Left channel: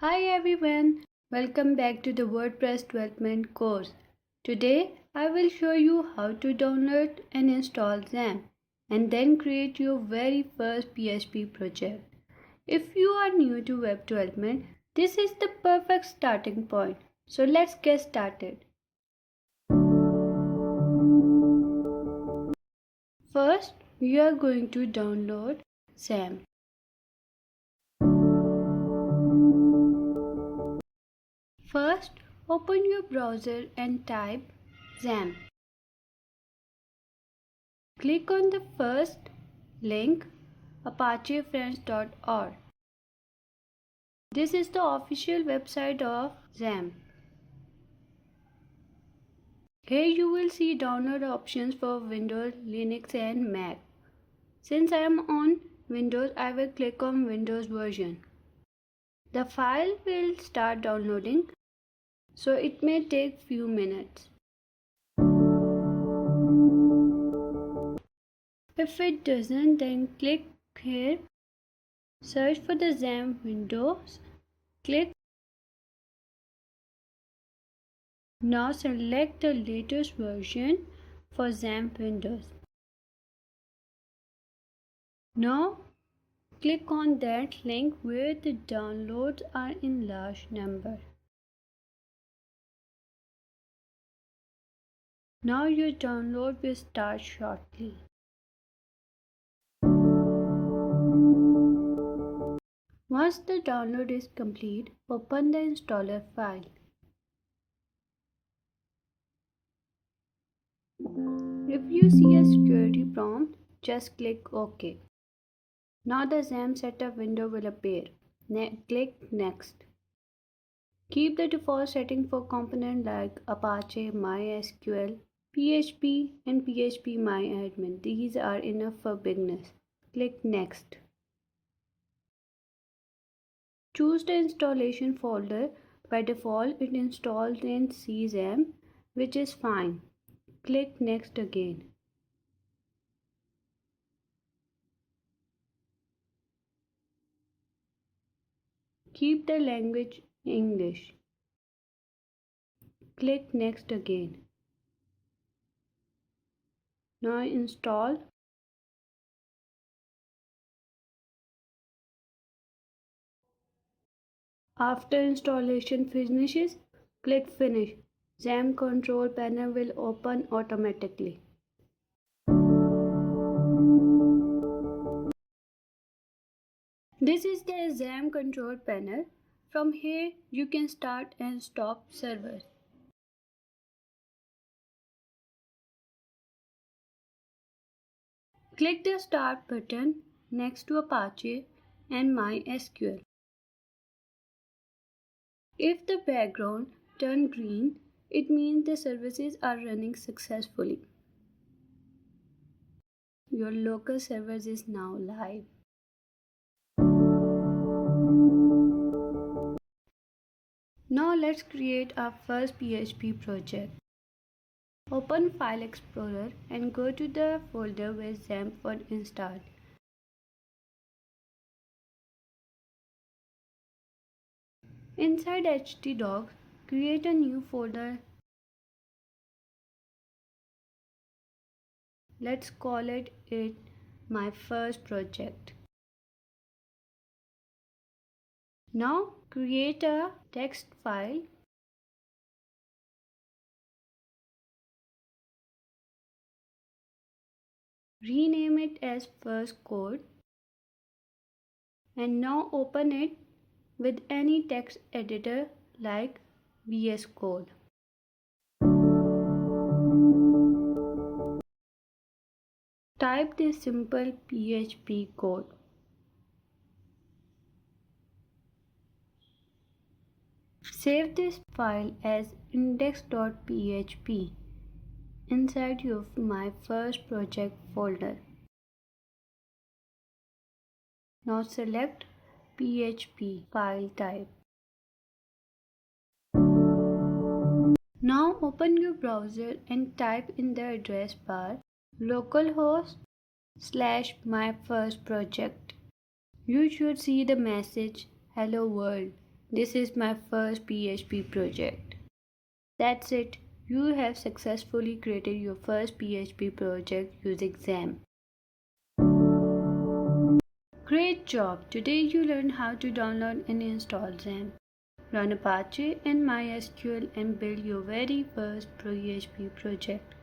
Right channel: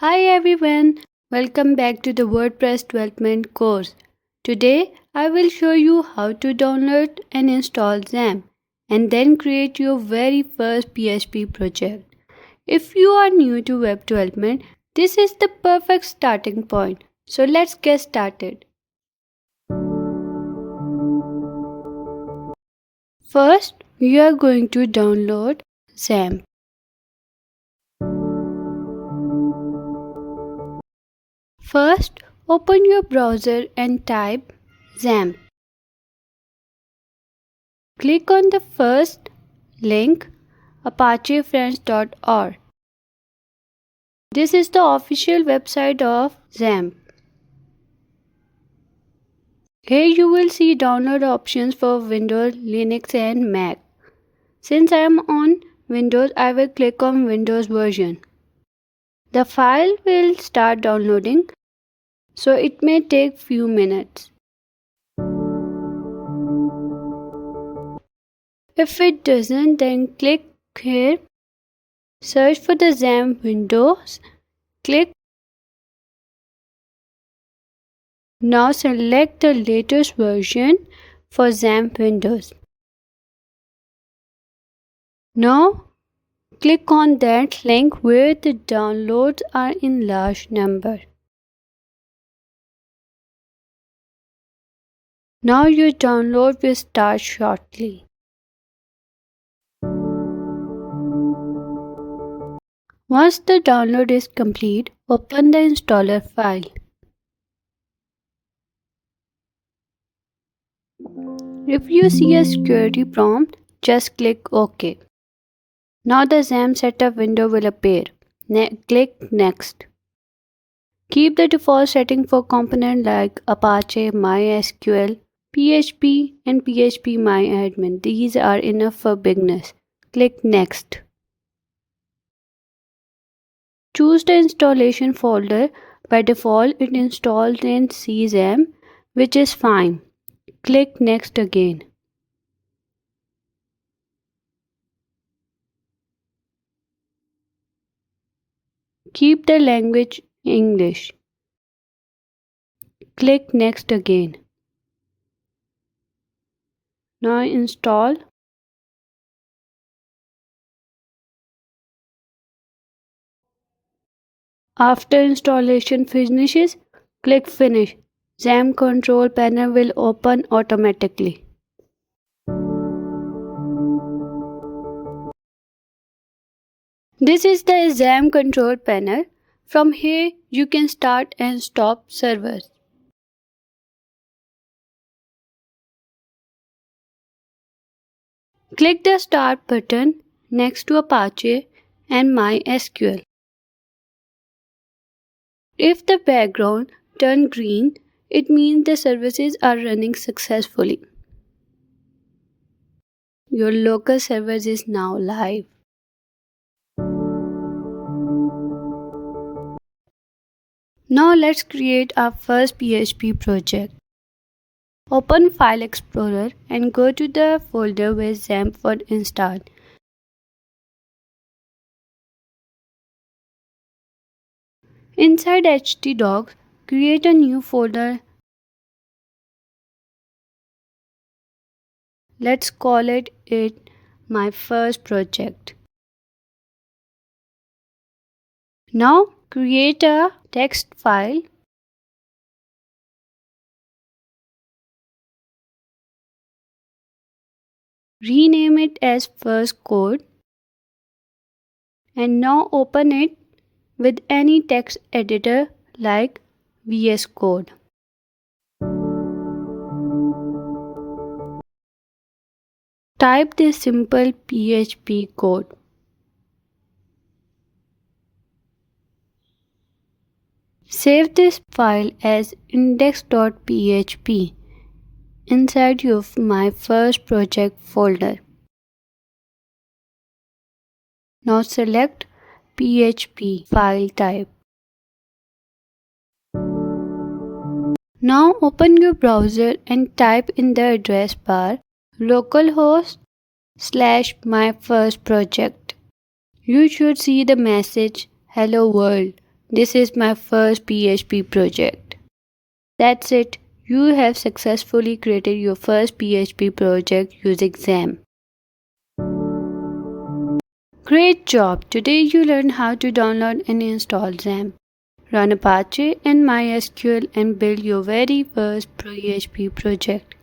Hi everyone, welcome back to the WordPress development course. Today I will show you how to download and install XAMPP and then create your very first PHP project. If you are new to web development, this is the perfect starting point. So let's get started. First, we are going to download XAMPP. First, open your browser and type XAMPP. Click on the first link apachefriends.org. This is the official website of XAMPP. Here you will see download options for Windows, Linux and Mac. Since I am on Windows, I will click on Windows version. The file will start downloading, so it may take few minutes. If it doesn't, then click here, search for the XAMPP Windows, click. Now select the latest version for XAMPP Windows. Now click on that link where the downloads are in large number. Now your download will start shortly. Once the download is complete, open the installer file. If you see a security prompt, just click OK. Now the XAMPP setup window will appear. Click Next. Keep the default setting for components like Apache, MySQL, PHP and PHP-MyAdmin. These are enough for beginners. Click Next. Choose the installation folder. By default, it installs in XAMPP, which is fine. Click Next again. Keep the language English. Click Next again. Now install. After installation finishes, click Finish. XAMPP control panel will open automatically. This is the XAMPP control panel. From here, you can start and stop servers. Click the Start button next to Apache and MySQL. If the background turns green, it means the services are running successfully. Your local server is now live. Now let's create our first PHP project. Open File Explorer and go to the folder where XAMPP was installed. Inside htdocs, create a new folder. Let's call it my first project. Now create a text file. Rename it as first code. And now open it with any text editor like VS Code. Type this simple PHP code. Save this file as index.php inside your My First Project folder. Now select PHP file type. Now open your browser and type in the address bar localhost/myfirstproject. You should see the message "Hello World" This is my first PHP project. That's it. You have successfully created your first PHP project using XAMPP. Great job! Today you learned how to download and install XAMPP, run Apache and MySQL and build your very first PHP project.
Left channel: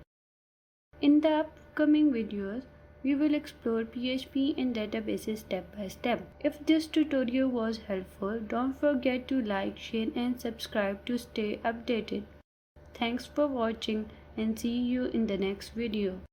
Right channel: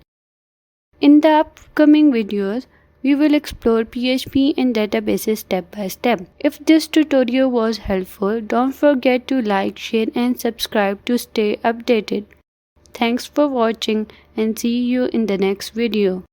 In the upcoming videos, we will explore PHP and databases step by step. If this tutorial was helpful, don't forget to like, share and subscribe to stay updated. Thanks for watching and see you in the next video.